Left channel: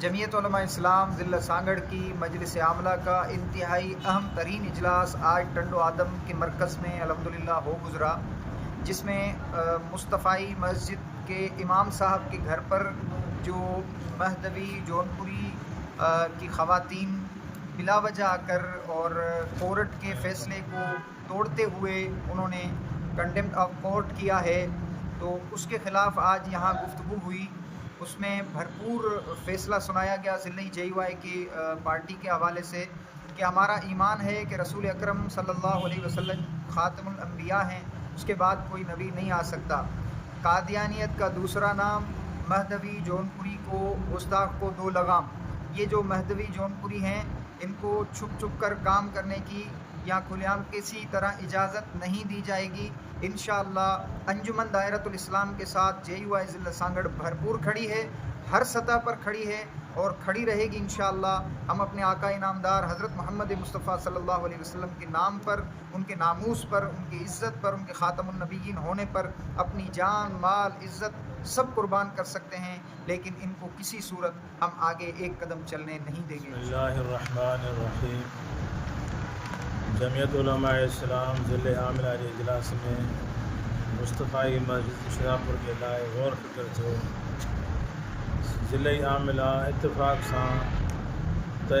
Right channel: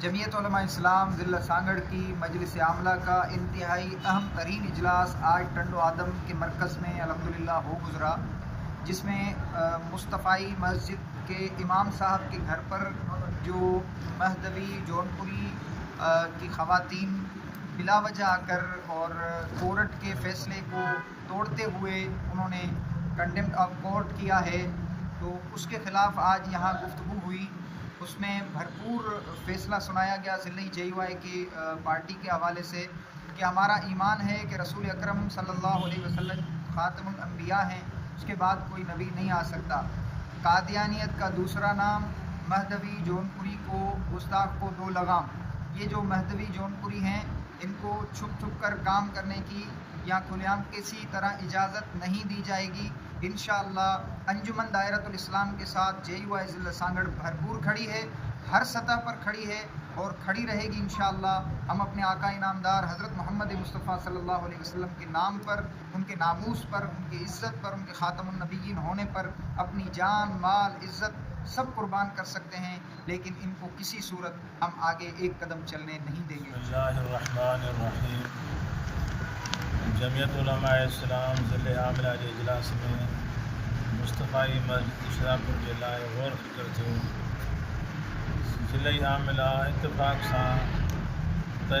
جمعیت علماء اسلام ضلع سانگڑ کی مجلس عاملہ کا انتہائی اہم ترین اجلاس آج ٹنڈو آدم کے مرکز میں الحمدللہ ہو گزرا، جس میں مصطفی مسجد کے امام صاحب کے گھر پر جو مہدوی جونپوری کی خواتین بلا وجہ آ کر اور کورٹ کے فیصلے کو توڑتے ہوئے انہوں نے کنڈیمڈ آف کورٹ کیا ہے، تو اس کے خلاف آج یہاں گفتگو ہوئی۔ اس میں بھرپور فیصلہ سنایا گیا ضلع JUI کی پارٹی کے حوالے سے کہ ہمارا ایمان ہے کہ رسول اکرم صلی اللہ علیہ وسلم خاتم الانبیاء ہیں، اس کے بعد کوئی نبی نہیں آ سکتا۔ قادیانیت کا دوسرا نام مہدوی جونپوری کو گستاخ کو دو لگام۔ یہ جو مہدوی جونپوری ہیں ان کو چھپ چھپ کر کام کرنے کی یا کھلے عام کسی طرح اجازت نہیں دی جائے گی۔ انشاءاللہ انجمن دائرۃ الاسلام کے ساتھ JUI ضلع سانگڑ بھرپور کھڑی ہے، ہر سطح پر کھڑی ہے اور کھڑی رہے گی انشاءاللہ۔ ہم اپنے آقا انعامدار حضرت محمد مصطفیٰ صلی اللہ علیہ وسلم کے نام پر، ان کے ناموس پر، ان کی عزت پر، ان کے خاتم النبیین ہونے پر اپنی جان، مال، عزت سب قربان کر سکتے ہیں، لیکن ان کو کسی صورت ہم آگے ایک قدم چلنے نہیں دیں گے۔ بسم اللہ الرحمن الرحیم۔ جمعیت علماء اسلام ضلع عاملہ کے اجلاس میں مصطفی مسجد شراپور کے لائے غور فکر تھو۔ ضلع عاملہ اتفاق سے طے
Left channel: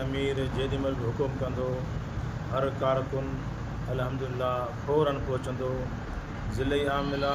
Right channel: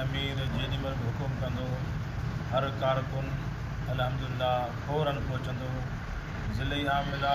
امیر جیڈی مل بھی حکم کندو ہر کارکن الحمدللہ فوراً پہچندو۔ ضلع عاملہ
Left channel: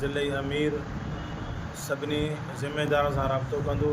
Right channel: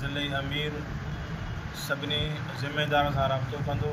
ضلع امیر سبنی ذمہ داروں سے رابطو کندو